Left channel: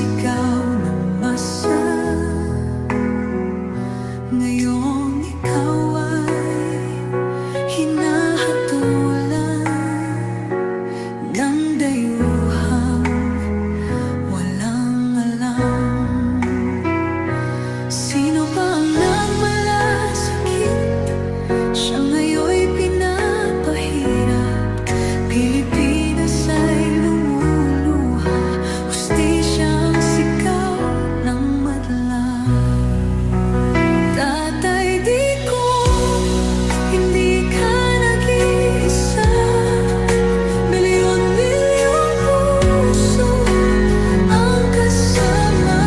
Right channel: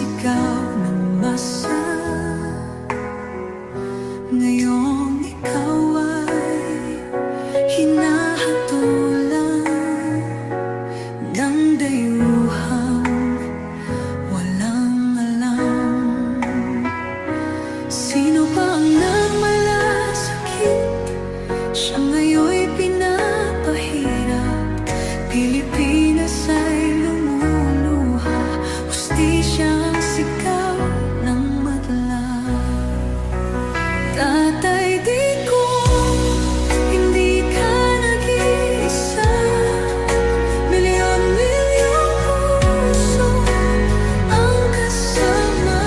sigaw na masa. Ngayong ikaw ay hinahatulan ng dayuhang walang alam. Sino pa ang nagmalasakit? Siya ngayon'y pinapahirap. Pilipinas ay lumuluha, hustisyang sigaw ng madla. Tatay Digong, hindi ka nag-iisa. Milyon-milyong puso ang kasama.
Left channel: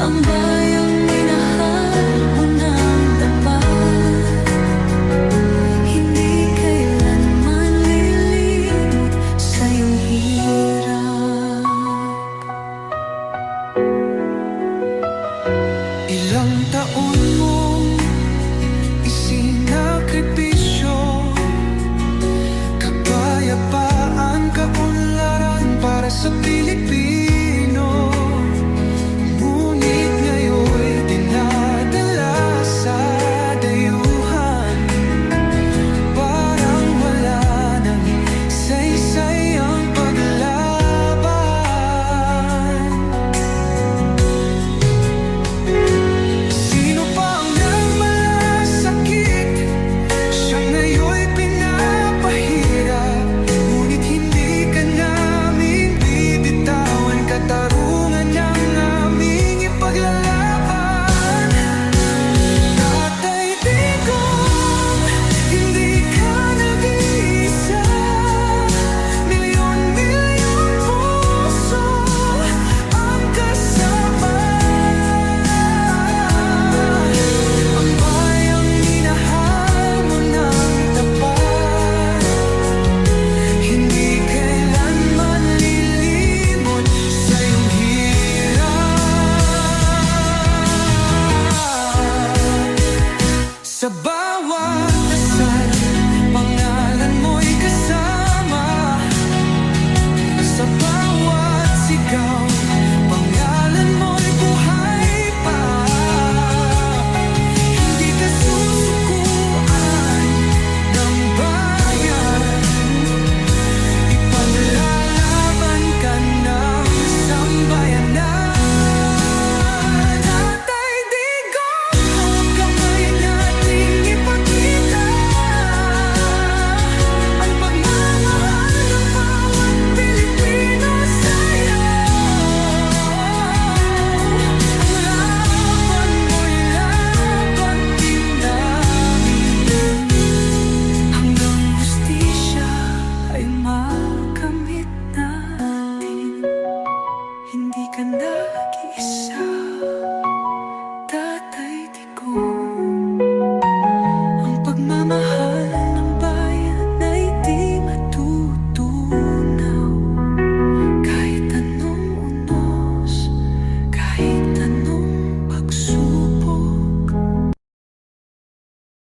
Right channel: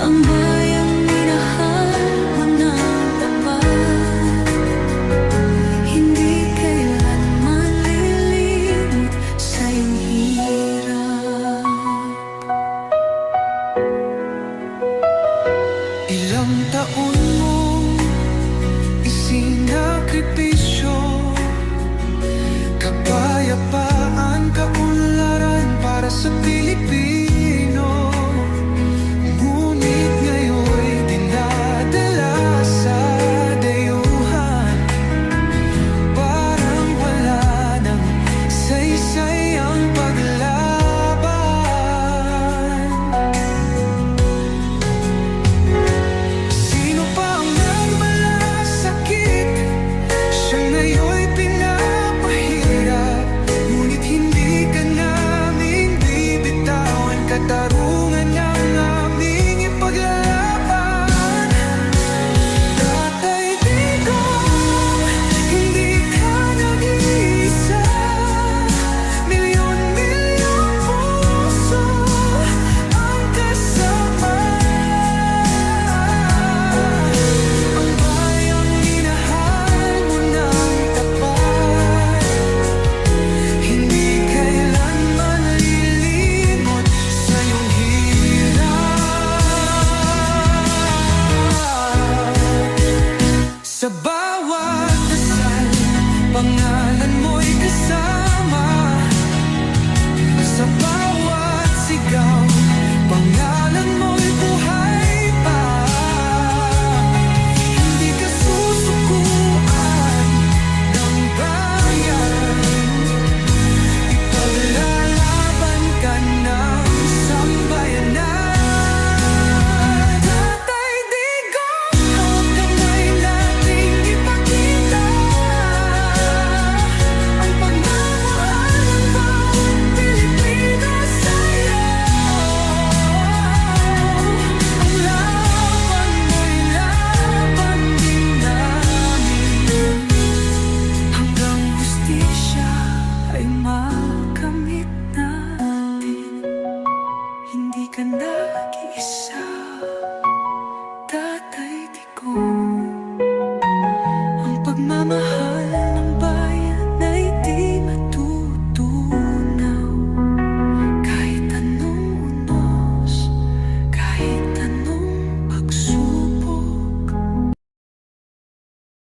Ang bayang minahal mo ng tapat, hindi kailanman lilimot sa iyong hirap. Ilang taon mong isinakripisyo, kapayapaan, kaunlaran para sa Pilipino. Ngunit ngayon'y dinadala sa dayuhan, parang wala nang saysay ang paglaban. Sino pa ang nagmalasakit? Siya ngayon'y pinapahirap. Ngunit hindi ka naming bibitawan, katarungan ng aming ipaglalaban. Tatay Digong, hindi ka nag-iisa. Milyon-milyong puso ang kasama. Ang bayang minahal mo ng tapat, hindi kailanman lilimot sa iyong hirap. Sa bawat dasal, pangalan mo'y kasama. Sa bawat sigaw, pangalan mo'y buhay pa. Hindi ka susukuan ng bayan, ipaglalaban ka ng sambayanan. Tatay Digong, hawak kamay nating ipakita ang pagmamahal ng bawat Pilipino sa'yo. Ang laban mo'y laban din namin, hanggang hustisya ay makamit natin. Hindi ka nag-iisa, Tatay Digong. Ang pagmamahal